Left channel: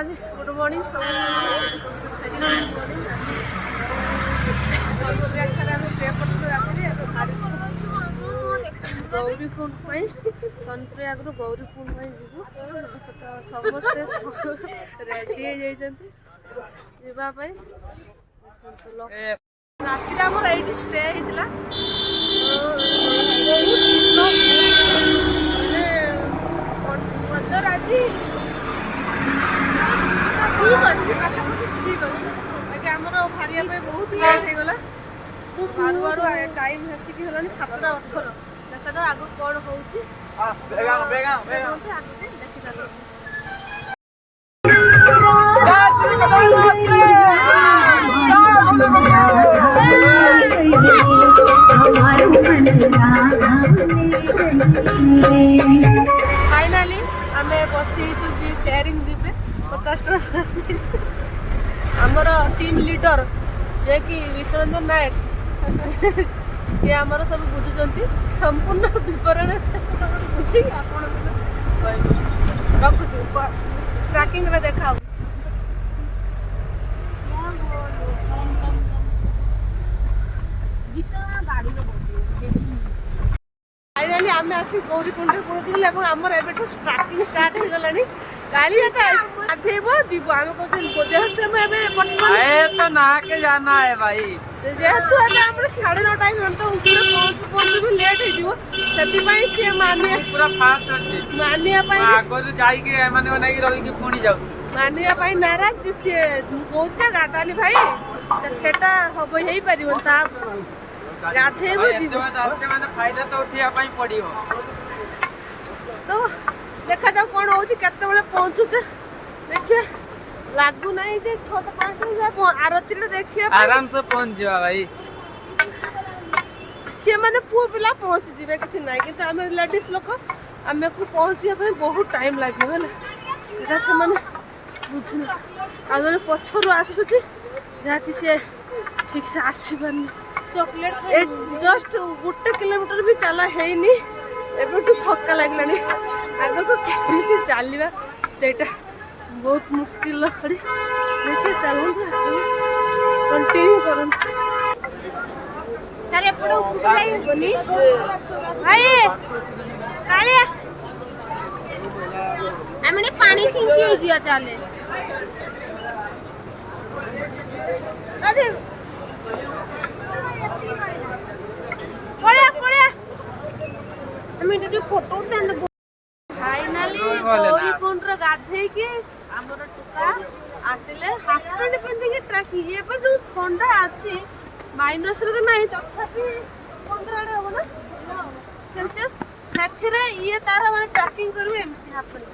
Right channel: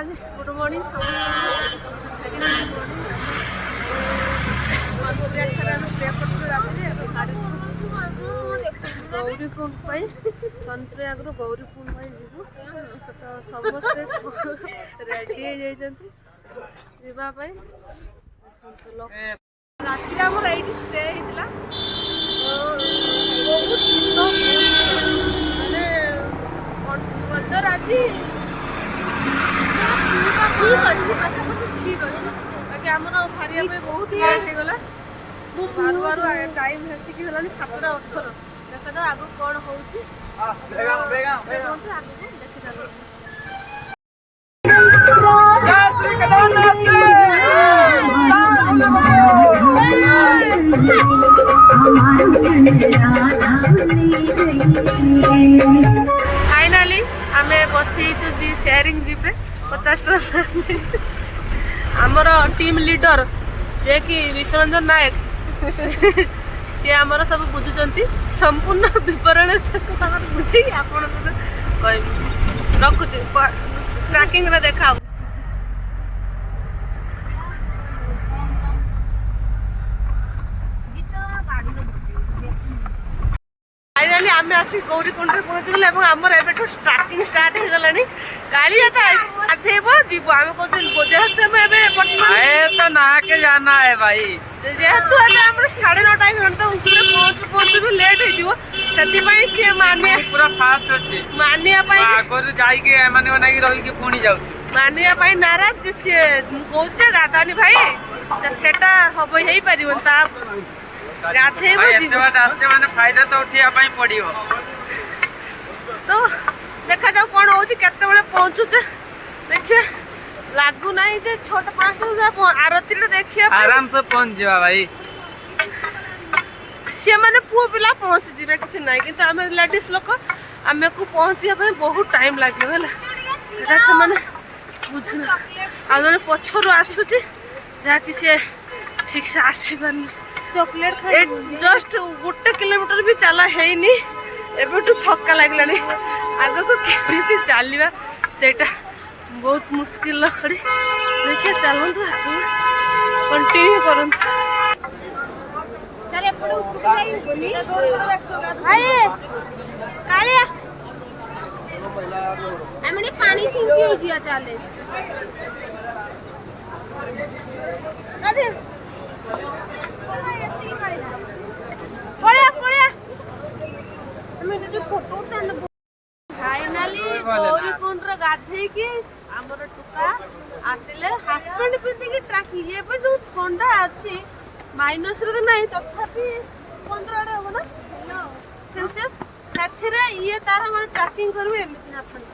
आज good morning समस्त very good morning. सनप्रिया आम स्टे कर राति गाड़ी गौरीकुंड सनप्रिया गौरीकुंड जीवु तो समस्ते रेडी राति आमर ये स्टे होता बहुत मानने आज ठीक अच्छे पाखापाखि ठीक अच्छे बाकी आमर बाहर बहुत लेट हो गला बारू बारू टाइम आसिक है 7:18 देखा जाओ आगु कौन हो देखी चलो। फाइनाली आम बसी जीप शेयरिंग जीप रे 50 टका आमर टीम लीडर जे कि विश्वरंजन नायक सी आमर सब बुझुंट संपूर्ण विवरण बुझी आप रखुची ट्रैकिंग रे देखा। फाइनाली आम आसिक गौरीकुंड पहुँची गले आमर एवं स्टार्टिंग स्टार्ट हो गला कालिया तो गाधेब जीव आम जेहेतु तो ना के जाना है भाई जेहेतु आम 9:30 घंटा ऊपर पहुँचु पहुँचु भी लेट हो सी मानिया पूरा फास्ट अच्छे मानिया मानिया नाराज सी कौचे गाधानी भाई सेटा हम हो पार गाधेब माने फायदा तो उठिया पड़ो तो देखा जाऊ कौन हो पहुँचुचे देखिए लगू ना 6:05 आरती देखिए आराम से पहुंच जा भाई सी मैंने पुओ पिला पहुँची जी कि ना कि आम लेडीज लोक आम को पहुँचा बहुत टाइम लगे से बुझुना आ जन पछर आसूची जहाँकि सी ठीक से आसपार जस्ट 1 किलोमीटर भी चला है एबेठू थका लगलानी आग को केमी चलवा सेटा बहुत मुश्किल खड़ी देखिए चलतु कंटिन्यू करूँ पानी छिंची चले फाइनाली गौरीकुंड गाधे आमर टुका आसिले हाफ पैंट पिंधिकी ट्रैकिंग ये जो ठंडा अच्छी माइनस रे नहीं तथापि 15 आड़े हम ना सेल्सियस से ये तार मैंने ट्रैकिंग करू एमती हाफ पैंट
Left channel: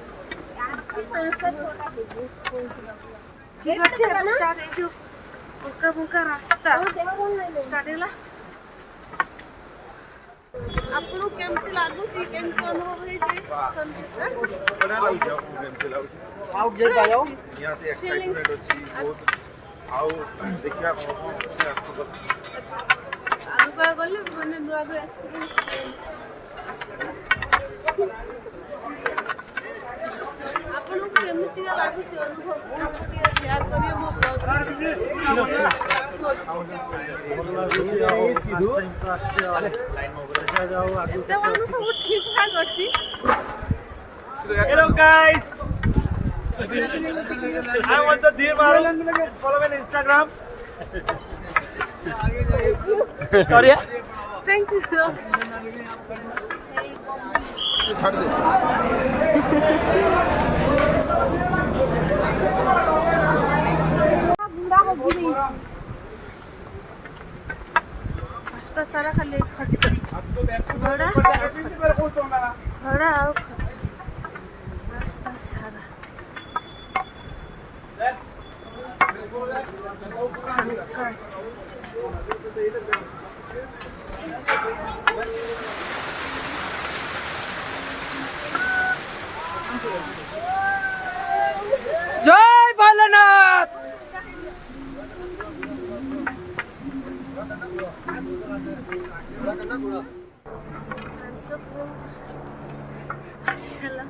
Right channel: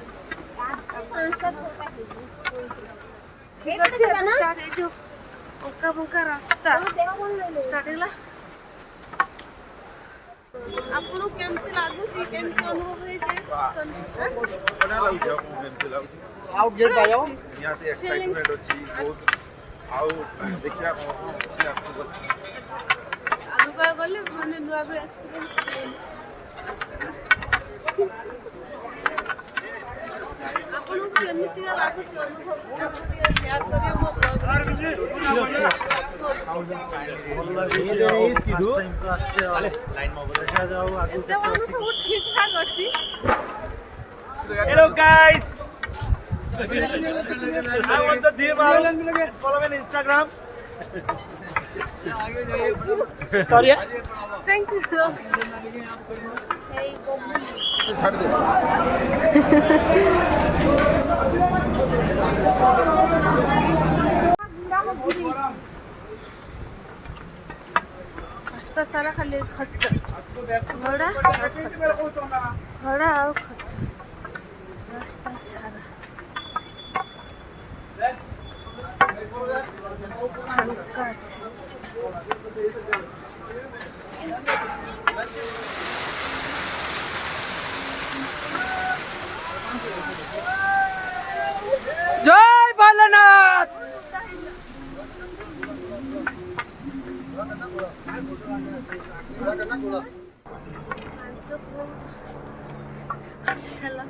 ठीक अच्छे स्टार्ट हो बंका बंका रास्ता स्टार्ट है आपको केमती लागुची केमती अनुभव होइछे बड़ा लागुची केमती लागुची आउ गेट आ जाओ यहां से एक्साइटमेंट अछि बहुत आउ देखिया कोन अछि आपको अच्छा आगु का गले माने नुआ भी एक्सपीरियंस आपको केमती लागुची अनुभव आपको शेयर करियो मो ब्लॉग भल लागुची आउ फर्स्ट टाइम तो आछे देखा जाओ आगु सब ठीक ठाक अच्छी। Hello guys I want the dear follow me on Instagram Korea thank you छाड़ दे रास्ता सारा खाली खच्चर घड़ा और खच्चर रास्ता सारा जय भोलेनाथ। आसी सारा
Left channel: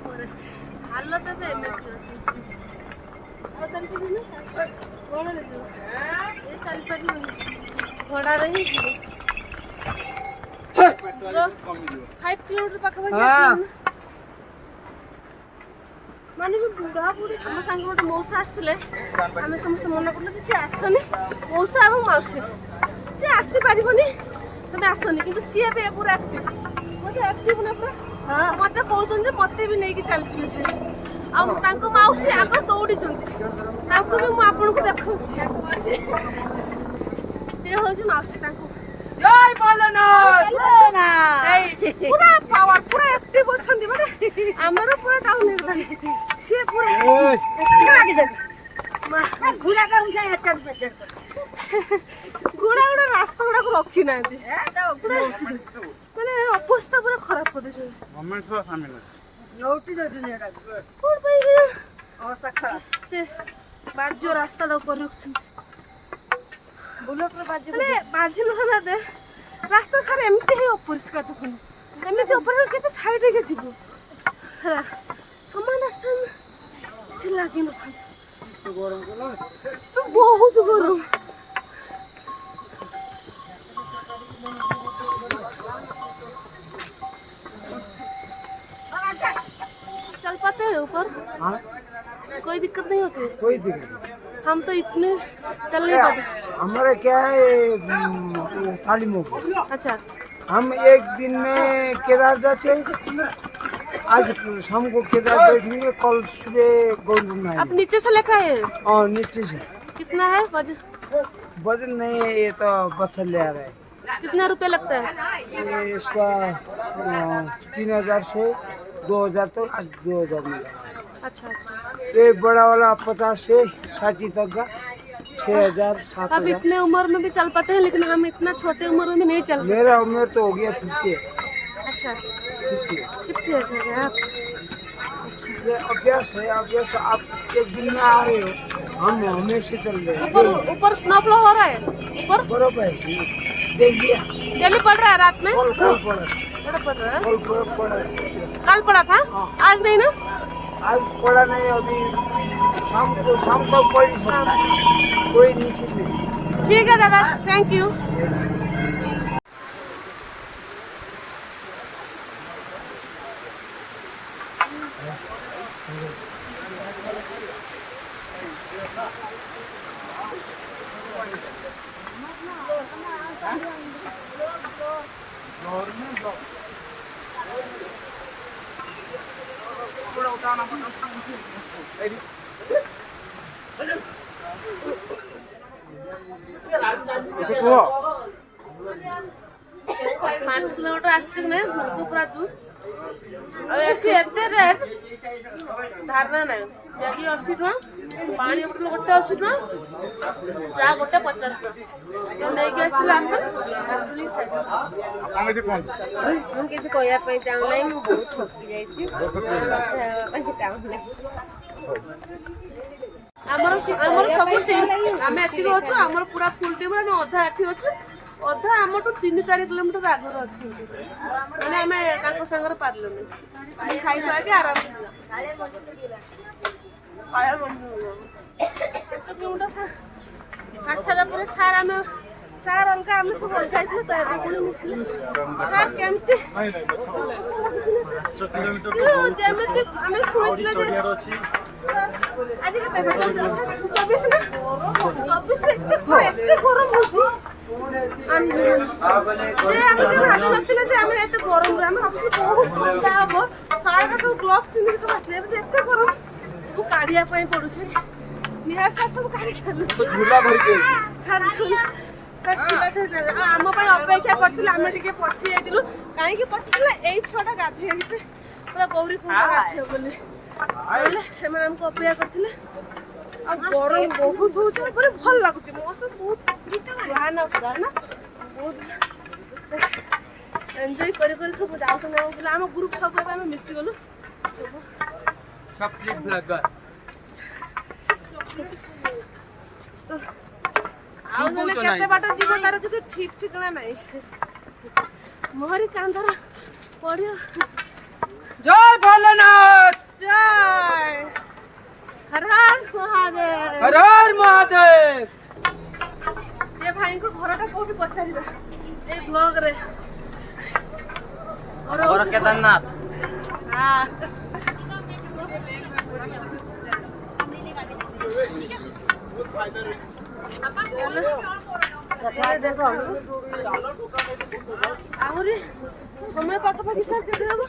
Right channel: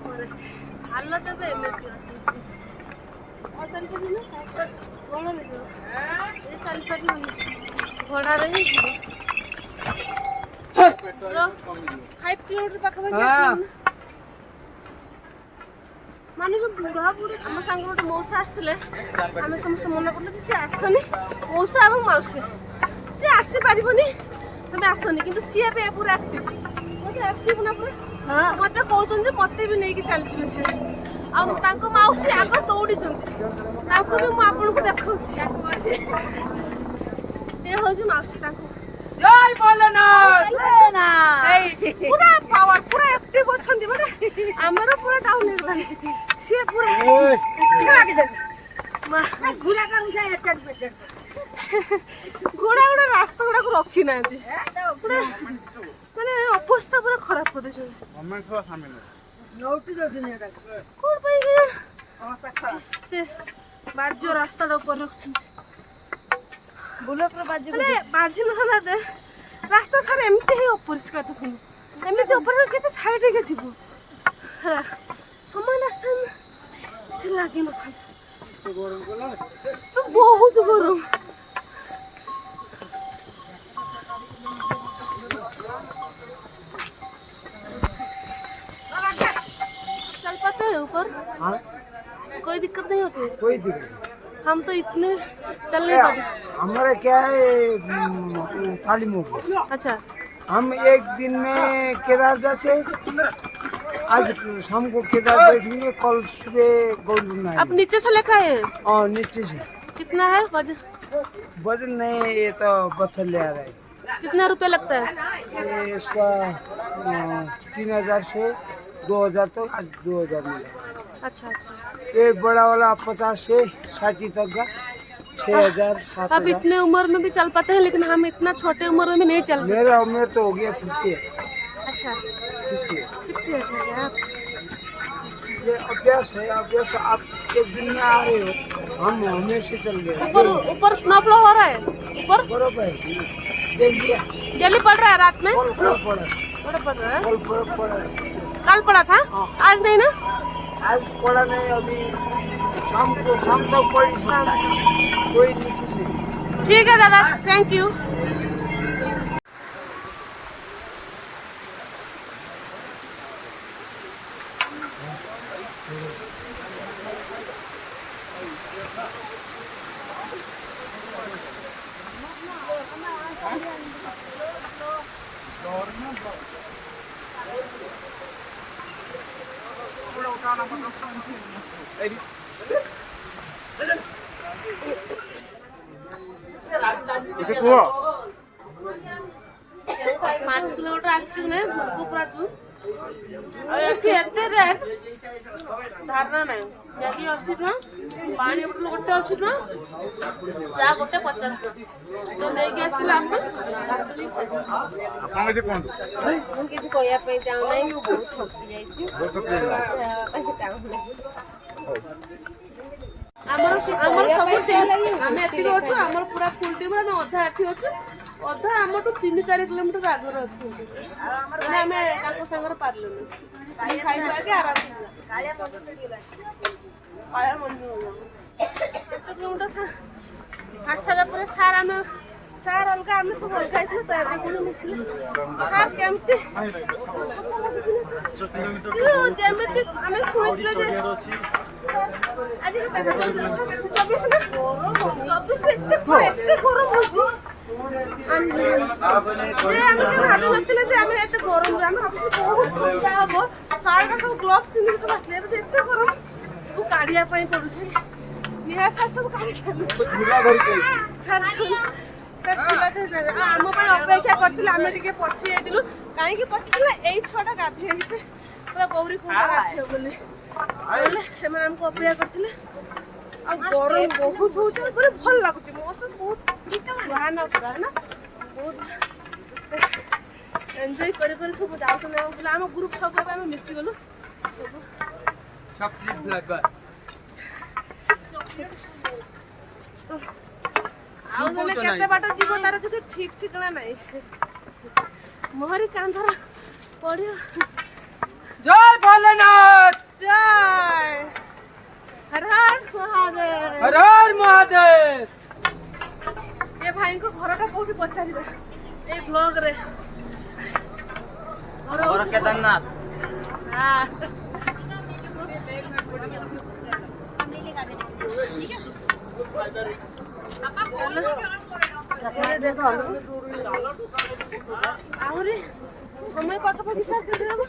भाल तेज एमती अच्छे ଆଉ ଚାଲିପାରିବି ନା ଘୋଡ଼ାରେ ଯିବ ଏ ଚାଲିପାରିବନି ଘୋଡ଼ାରେ ହିଁ ଯିବ 5 କିଲୋମିଟର ପାଖାପାଖି ଆସିଲାଣି ନା ମାନେ ଯୋଉ ବୁଢ଼ା ବୁଢ଼ୀ ଆମ ସାଙ୍ଗ ଗୋଟେ ମଉସା ଆସିଥିଲେ ଆମେ ସମସ୍ତେ ମନା କରୁଥିଲେ କି ସିଏ ଆସନି ମଉସା ଏବଂ ମାଉସୀ ସିଏ ଆସିପାରିବନି ତମେ ଆସନି କିନ୍ତୁ ସିଏ ଏବେ ପୁରା ଆକ୍ଟିଭ ମଉସା ଆକ୍ଟିଭ ନା ପୁରା ମତେ କହୁଛନ୍ତି ମତେ ବି ନେଇକି ଚାଲିଯିବେ ସେ ଆଉ ତାଙ୍କ ମାଉସୀ ଆଗ ଦୌଡ଼ିଛନ୍ତି ତାଙ୍କୁ ବି ମୁଁ ଆପଣଙ୍କୁ ଦେଖାଉଛି ଇଏ ହଉଛି ମାଉସୀ ତାଙ୍କୁ ଜୟ ଭୋଲେନାଥ ପୁରା ପାୱାର ପୁରା ଆକ୍ଟିଭ ଅଛନ୍ତି ମାନେ ଆମର ପୁରା ଡାଉନ ହେଇଗଲାଣି ସିଏ ପୁରା ଘୋଡ଼ା ଗୁଡ଼ା ରାସ୍ତା ଗୁଡ଼ାକୁ ରଖିନାହାନ୍ତି ମାନେ ଅବସ୍ଥା ପୁରା ଖରାପ କରିଦେଇଛନ୍ତି କୋଣ ପାଇଁ ବାଜ୍ୟ ରାସ୍ତାଟା ଉପରେ ରଖୁଛନ୍ତି ବାଜି ନଥାନ୍ତା ରାସ୍ତା ସାରା ଏମିତି ହିଁ ଅପରିଷ୍କାର ଦେଖୁന്നു ଏମିତି ଅପରିଷ୍କାର କେତେ ଛାଇ ଦେଇକି ଯିବୁ ହେଲା ସମାନ ରାସ୍ତା କିଛି ଲାଗିନଥାନ୍ତା ବହୁତ ଗରମ चल पाते हैं ऊपर हाँ कोई दिक्कत नहीं होती है कोई दिक्कत नहीं हम तो इतने चल नहीं पाते हमारे क्या है तालीम हो गई अच्छा हम एक दिन में केदार जाते आज शाम को केदार बैठेंगे कल सुबह गौरकुंड अब नीचे से लेकर आए हैं हाँ नीचे से कितना है वजन वजन नहीं ये तो बच्चा ले आ रहा है कितना रुपया लगता है ये इसका 3000 से 2000 तक आज 2000 मिला अच्छा अच्छा ये बड़ा वाला 50 से 60 तक का 6000 अब 7000 इतने उम्र में भी चल पाते हैं लेकिन हम इतना छोटे उम्र में नहीं चल मेरा उम्र तो हो गया 50 अच्छा 50 कितने है आप ये अभ्यास है अभ्यास आप एक दिन में आ रहे हो हम हमेशा चल रहे हैं ऊपर ऊपर स्नोफॉल हो रहा है ऊपर बराबर देख लिया डेली पड़ रहा है रात में कल पड़ा बड़ा पड़ रहा है कल पड़ा कल पड़ा था आज नहीं ना आज पड़ा नहीं अभी शाम तक पड़ी सकता है कोई निश्चित नहीं ठीक है दादा थैंक यू କୁହ 5 किलोमीटर आसछि ने मुर्गो पूरा दूर और एठी एते रेट धारणा नाही मैगी 80 टका पानी बोतल गोटे 80 टका चा गोटे 50 टका तो नहीं के आस्तिला आपण ଆପଣ କିଛି କୁହନ୍ତୁ ମୁଁ କିଛି କହିବା ପାଇଁ ଚାହୁଁନାହିଁ ମୁଁ ବହୁତ ଠକି ଯାଇଛି ଆମର ଆମର ସବୁ ଟିମ୍ ଆମେ ଏତିକି ଅଛୁ ଆମର ପୁରା ଫୁଲ୍ ଟିମ୍ ଆମେ ଅଧା ଏଠି ଅଛୁ ଅଧା ଆମଠୁ 3-4 କିଲୋମିଟର ଆଗରେ ଅଛନ୍ତି ମାନେ ଆମେ ତାଙ୍କ ସାଙ୍ଗରେ ପାରିଲୁନି ଖାଇ ଖାଇକି ଆରାମ କାଳିଆ ମନ୍ଦିର 5 କିଲୋମିଟର ଆସିଲା ପରେ ସାର୍ ଆମେ ସାର୍ ଅଲଗା ଆମେ ସବୁ ଅଲଗା ହେଇଥିଲେ ତ ଏବେ ପୁଣି ମିଶିଲେ ସାର୍ କେମିତି ଯେମିତି ଆମେ ଶୁଣିଥିଲେ ଯେ ଆଜି କେତେ 24 ନା 24 ଏତେ ଗରମ ହଉଛି ଯେ ଆମେ କେବେ ଭାବି ନଥିଲେ ଯେ ଆମେ ଏତେ ଗରମରେ ଆମେ ଭାବୁଛୁ ବହୁତ ଥଣ୍ଡା ହବ ସାର୍ଟା ସବୁ ଗ୍ଲୋଭ୍ସ ପିନ୍ଧିକି ସବୁ ଆସିଲେ ଏବେ ଏତେ ଗରମ ସବୁ କାଢ଼ିବା ପାଇଁ ପଡୁଛି ନିହାର ସାର୍ ସବୁ କାଢ଼ି ସାରିଲେ ସାର୍ ଥିଲା ଆମ ପାଇଁ ଅପେକ୍ଷା କରିଥିଲେ ଆମେ ଟିକେ ପଛେଇ ଯାଇଥିଲୁ କାହିଁକି ପଛେଇଥିଲା ଏଇ ଛୁଆଟା ଗାଧେଇକି ପୁରା ଗୌରୀ କୁଣ୍ଡ ଗାଧେଇବ ବୋଲି ନହେଲେ ସେମାନେ ଆମକୁ ଅପେକ୍ଷା କରିଥିଲେ ଆଉ ଗରମ ବହୁତ ହଉଛି ମାନେ ଭଲ ଲାଗୁଛି ମୌସମ ବହୁତ ସୁହାନା ପୁରା ନା ବହୁତ ଏନ୍ଜୟ କରି କରି ସବୁ ଯାଉଛନ୍ତି ଆମ ପିଲା ଆମ ଗ୍ରୁପ୍ ସବୁ ଏବେ ଆମେ ମିଶିଗଲୁ ସବୁ ଆଉ ନହେଲେ କେତେ ବାଟ ଯିବ ତାର କିଛି ଠିକ୍ ଠିକଣା ନାହିଁ ମୋହରି କାନ୍ଧର ପଡ଼ିବ ଜୟ ଭୋଲେନାଥ ଜୟ हर हर महादेव हर हर महादेव। ये भाई को घरटा कोठी पचारिबा ए ब्लॉग रे घर केदारनाथ हां चलो देखो आहुरी समय पाखापाखि सार केते हबो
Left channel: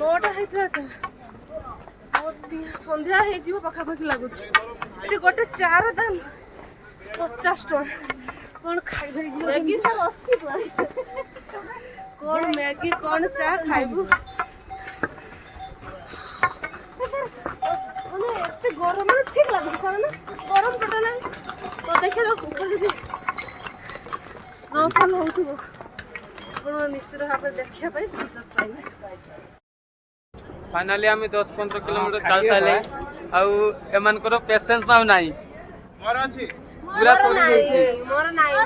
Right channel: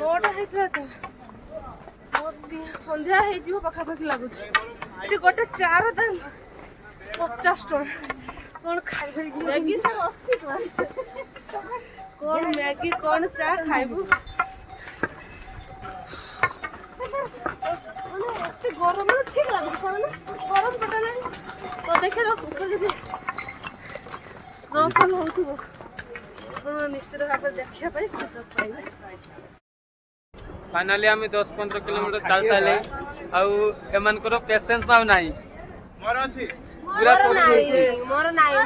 9टा ହେଇଥିଲା ତ ସନ୍ଧ୍ୟା ହେଇଯିବ ପାଖାପାଖି ଲାଗୁଛି ଏଠି ଗୋଟେ ଚାର ଦାମ 50 ଟଙ୍କା କଣ ଖାଇବି ମ୍ୟାଗି ସାର୍ 80 ଟଙ୍କା କଣ ମ୍ୟାଗି କଣ ଚା ଖାଇବୁ ମାନେ ଏତେ ଗରମ ମାନେ ଠିକ ଲାଗୁଛି ସାର୍ ନା ଗରମ ପଟା ନାହିଁ ତ ଦେଖେ ଉପରେ ଯଦି ସ୍ନୋଫଲ୍ ହଉଥିବ ଆପଣ ନିଶ୍ଚିତ ଭାବରେ ଦେଖିବା ପାଇଁ ସୁଯୋଗ ପାଇବେ फाइनाली आम 10-15 किलोमीटर चल सारे आउ एमानकर पेशेंस आउ नाही पूरा सरी जाइए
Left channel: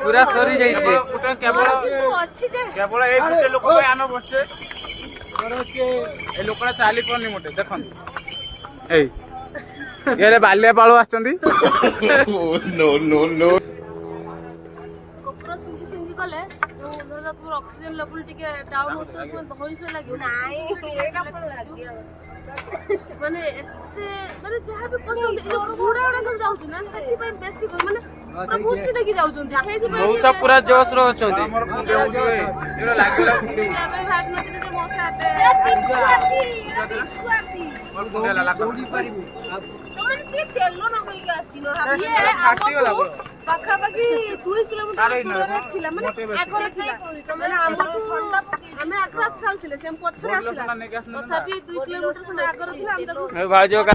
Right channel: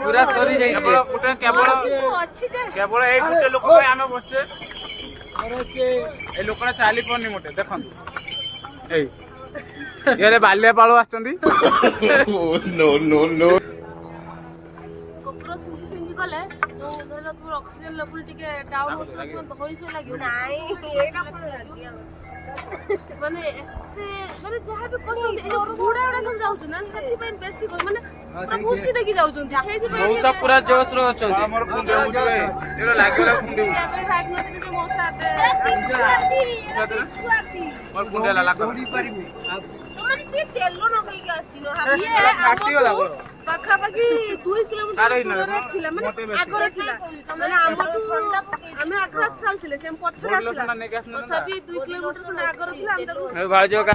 पूरा सरी जाइए केवल केवल ए गुटे लोक पे आमे बसचे ए लोकरा चाली पड़नी मोटे देखन ए ये बाल्य पाळो आछंती नो नो नो कपड़ा सिंगी सिंगी गले तो धरला तुम ऑक्सीजन लेवल टिके डाउन होतो तुम होई सो लागियो माने एते माने जहा भी कष्ट होते ए घोड़ा उड़ा सब जाउछ ना सेति पे बेसी माने पूरा खुशी देखि जाउछन्ती सेति पे मौसा पूरा जोश रो अछंती लागला खुंडी आबे भाग नते जे मौसा आते दौड़ी पारिबे ये पाखापाखि 2 किलोमीटर दूर थिला माने आगरे थिला माने आमे आगरा चलथिले से पछरे आसिला तथापि 2 किलोमीटर खंड आगरे थिला हम ताको ए भाजो का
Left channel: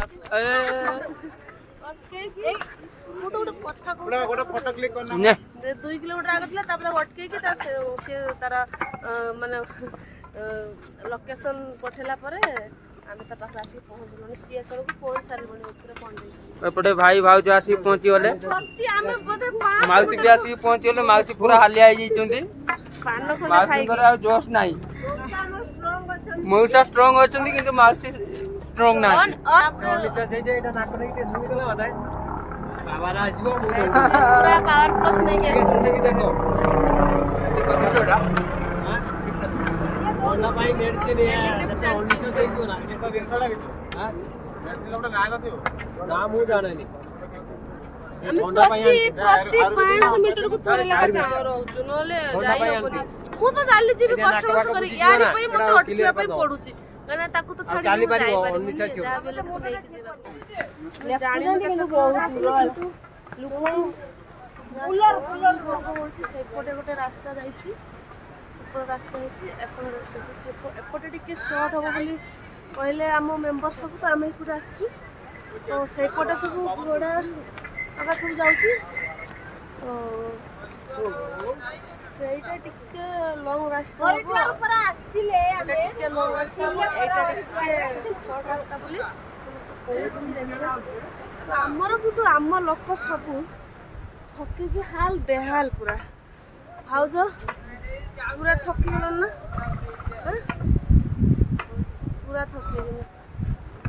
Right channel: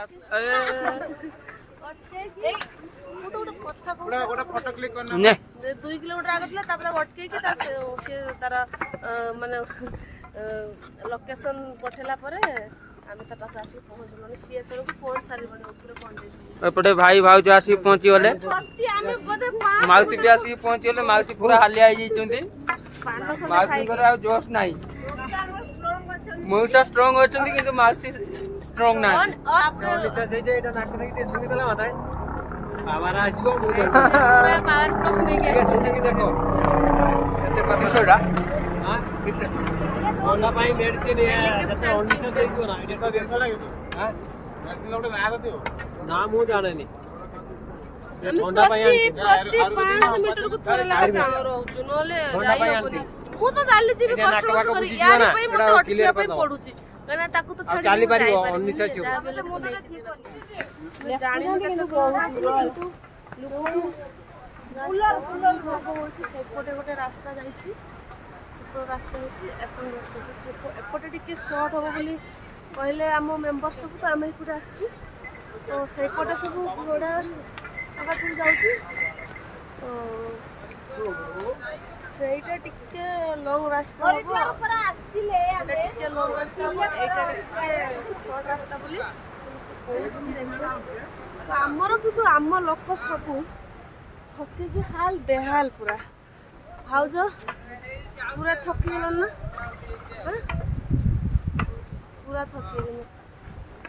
अटके कि मु तो कथा को गोटे फोटो क्लिक करना ने 2 किलोमीटर आगरे थिला तापर अटके कि ता से तार माने लोकेशन पठेला परे आमे ता पास आसी पहुंचलोनी सीए करबो पहुंच सारिबनी ऊपर पहुंच एपटे भाई भाउज आसी पहुंची गले प्रति आमे बोधे 5 माउसी भी आसी पहुंची गले माउसी पूरा हालिया आई जइचंती माउसी करे आ जोश नाही मौसा स्ट्रांग अछंती किंतु माउसी स्ट्रांग नाही निशा जे जे एटा नाक नहीं सुनी देला माता पावर आजबो मुडे पूरा पावर प्लस नहीं के देखो एते परसेंट हां ओना भाई मेडिसिन है तते 1900 देइयो ना 150 लागितो हां मेडिसिन लोटे ना गथियो ना मु जाणनी प्रति 500 मीटर को थोड़े लगा चाह रहउछु नले जाई होबनी मु तो जाली जीबी कष्ट करी यार पई मते अटकिया पई पडुची कना ताकू तो छाडी जाई पारि जा बेले को नै जीबा जानि न केते आसलो किंतु रास्ता होची सेपटे गोटे रास्ता जाईची सेपटे रास्ता होची एपटे रास्ता से एपटे टिके शॉर्ट हो बोली कहले हम मेंबर सब तो आमे एपटे आछू तो सेपटे सब घोड़ा आगा सब जाउची तो ସେଇଟା ଟିକେ ଲଙ୍ଗ ରାସ୍ତା ହବ ସେଇଟା ଟିକେ ଲଙ୍ଗ ରାସ୍ତା ହବ ଏଇଟା ଟିକେ ସର୍ଟ ରାସ୍ତା ବୋଲି ସମସ୍ତେ କହୁଛନ୍ତି ଦେଖିବା ତ ଆମର କିନ୍ତୁ ଆମ ଲୋକ ସବୁ ଥକିକି ହାଲ ବେହାଲ ପୁରା ଭାଉଜ ପୁରା ଥକିଗଲଣି ନା ପୁରା ଥକିଗଲେଣି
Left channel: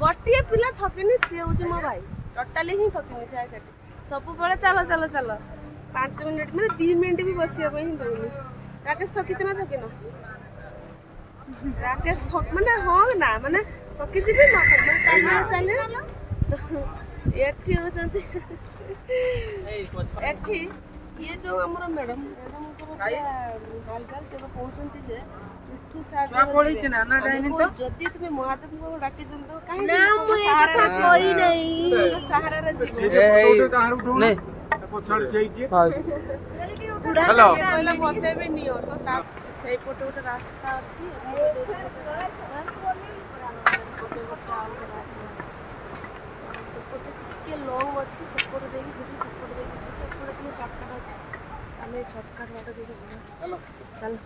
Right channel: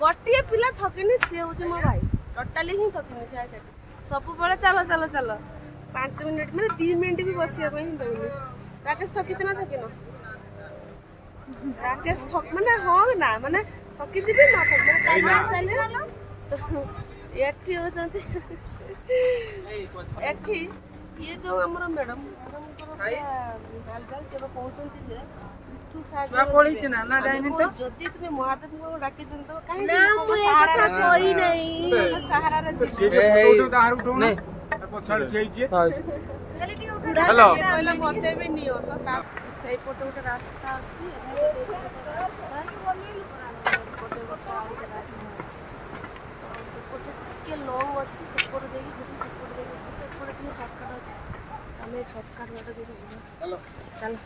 ଗୋଟିଏ ପିଲା ଥକିନି ସିଏ ହେଉଛି ମୋ ଭାଇ ଟୋଟାଲି ହିଁ ଥକିନି ସେ ସେଠି ସବୁବେଳେ ଚାଲ ଚାଲ ଚାଲ 5 मिनट मैंने 3 मिनट भी बसिया दौनी राकेश थकी ना थकी न राकेश थक मैंने हाँ ना मैंने थकी जी न थक मैंने चलिए चलिए एठी ये जो हमर मैडम हालचाल से कहउचंती जे पिठू साजा पड़ी छ ना डाइनिंग तो जदी तुम महादेव को डाके जन तो काहे को सहारा रे कोई नहीं सहारा रे जीव नहीं पछाड़ जाइए हेलो कहला बते भी नियो तो ता सही पटे गोटे रास्ता अछि रास्ता पटे गोटे आउ रास्ता अछि से पटे के लॉन्ग अछि सेपट देकी गुटी सेपट देकी एपटे के शॉर्टकट अछि हमें शॉर्टकट वाला देकी जिना हेलो चलो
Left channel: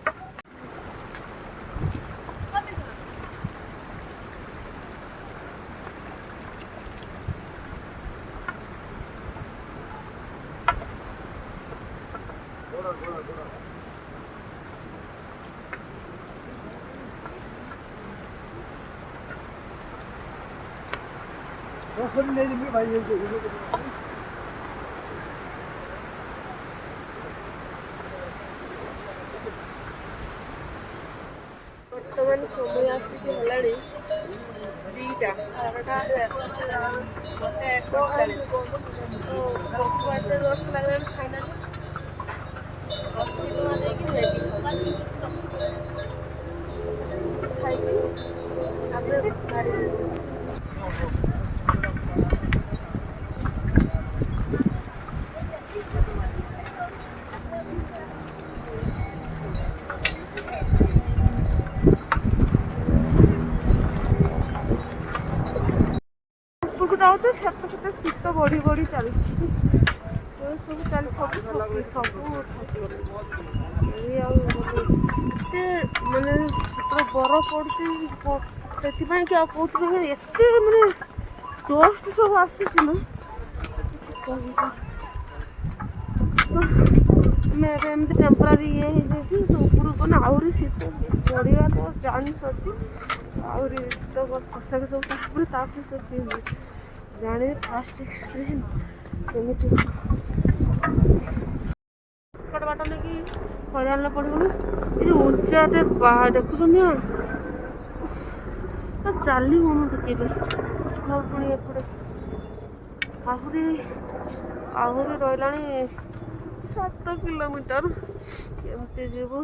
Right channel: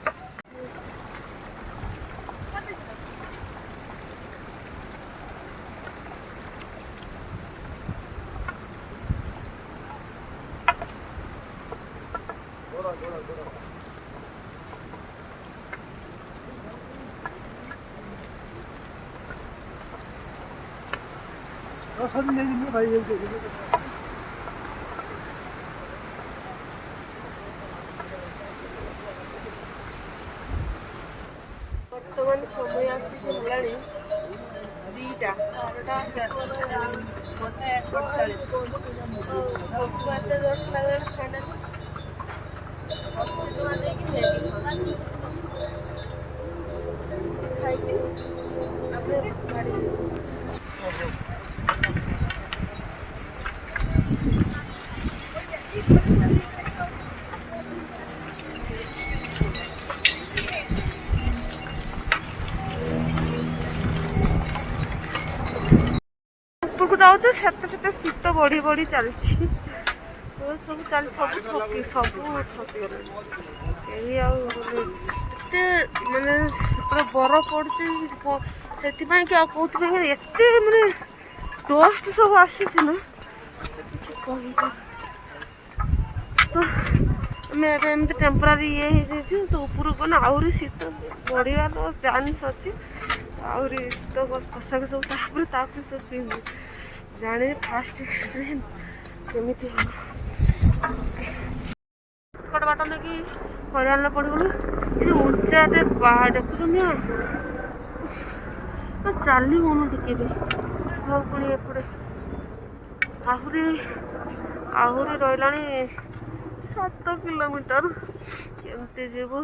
ବର୍ତ୍ତମାନ ସମୟ ଆସିକି ହେଲାଣି 2ଟା 1:48 ଭୋକ ଏତେ ଜୋରସେ ଲାଗିଲାଣି ଖାଇନାହାନ୍ତି 80 ଟଙ୍କା ଦେଇକି ମ୍ୟାଗି ଖାଇକି ଆମେ ବାହାରି ଉପରକୁ ଯାଉଛୁ ସେତେ ଶୀତ ବଢି ବଢି ଚାଲିଛି ସବୁ ଥକିଗଲେଣି କେହି ଆଉ ଏତେ ମାନେ ପୁରା ବରଫ ପଡୁଛି ସେଥିପାଇଁ କି ଆଉ କୋଉଥିପାଇଁ ଏତେ ମାନେ ଡଷ୍ଟ ସବୁ ଆସିଛି ନା କିଛି କହିବା ଆମେ ଏବେ ଏମିତି ଟେମ୍ପୋରାରୀ ଇଏ ହେଇଯାଇଛୁ ତ ଉପରକୁ ଗଲେ ଆହୁରି ଶୀତ ବଢିବା ତ ଚାନ୍ସ ଅଛି ଆହୁରି ଶୀତ ପୋଷାକ ସବୁ ତାପରେ ସବୁ ପିନ୍ଧି ଜାଣିନି ଫାଷ୍ଟ ଏକ୍ସପିରିଏନ୍ସ କେମିତି ବାଟ ନେଇକି ହଇରାଣ ପଡ଼ିଗଲୁ ଏ ଯେଉଁ ଉଞ୍ଚା ଏତେ ଦେଖୁଛନ୍ତି ଚାଲି ହେଉନି ଟିକେ ବି ଆଉ ପୁଣି ଏପଟେ ଆହୁରି ରହିଲାଣି 7 କିଲୋମିଟର କେମିତି ଯିବୁ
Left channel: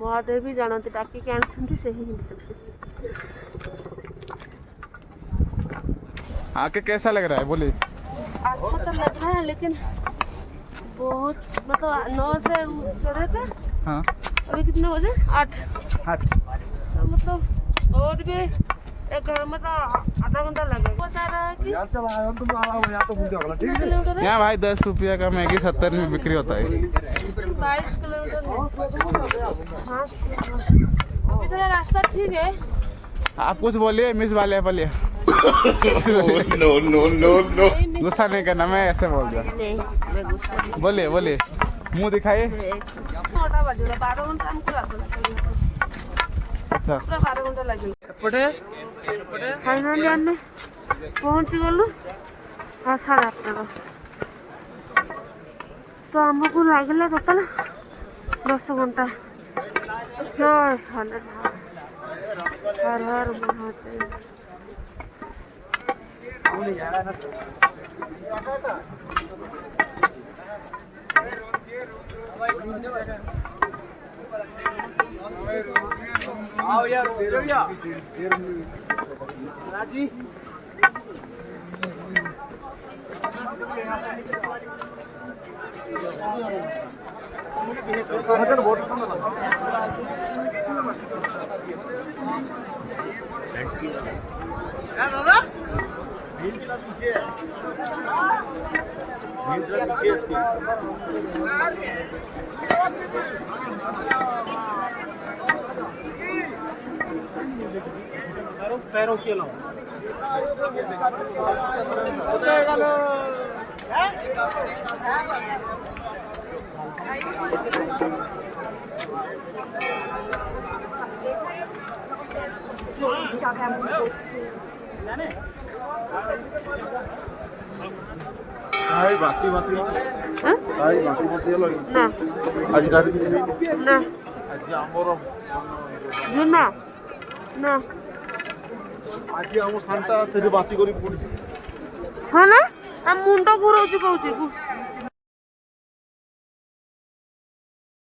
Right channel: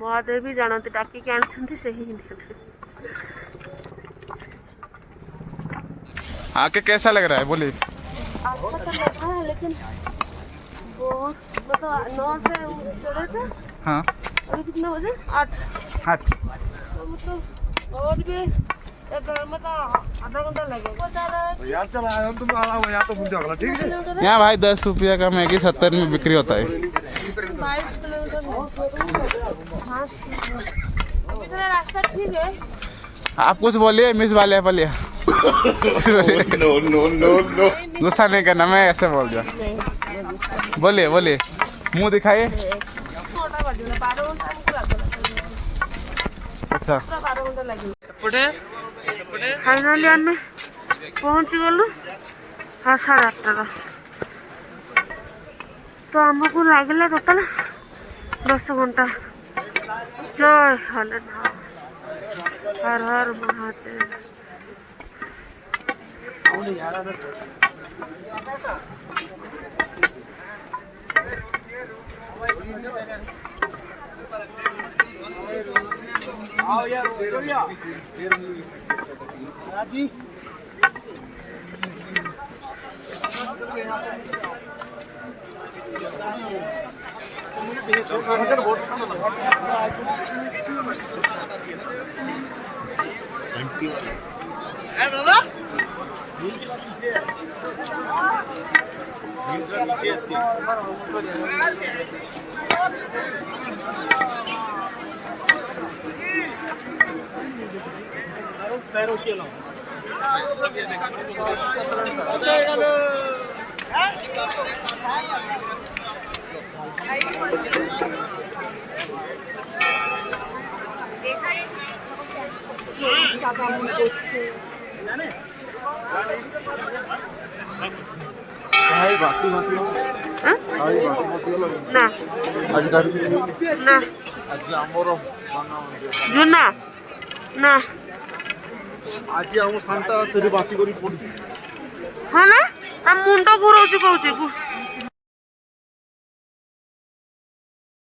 ମହାଦେବ ବି ଜାଣନ୍ତି ଡାକିକି ଆଣିଛନ୍ତି ସେହି आके कैसा लग रहा है बोलिए? अच्छा तो लग रहा है लेकिन बहुत मतलब 9 से चढ़े थे हाँ अभी कितने बजे 8 मतलब और भी मतलब आधा घंटा लगेगा बता रहा है यार चल आया तुम आला हो यहाँ तो मुझे अगला ठीक है यहाँ भाई 10 रुपया का मैगी 70 में बिक्री होता है 22 किलोमीटर रास्ता ठीक है आप कुछ बोलिए मिस वाले बोलिए नो नो नो नो गुस्सा नहीं करना मैं ऐसे बोल दिया बोलिए मुंह दिखाइए अच्छा फाइनाली आम पहुँची गलु 8:30 तो आमको लगे टोटाल 10 घंटा जय हलेनाथ हर हर महादेव आओ यार जी दादा पैरों के लो भाई बाती बाती हाँ? भाई बाती बाती ना आज घर भी ना आज आमर जुना ना आज आम शांता से बाती करी पड़ी हाँ ना मुंड घुराଉଛି କହୁଛି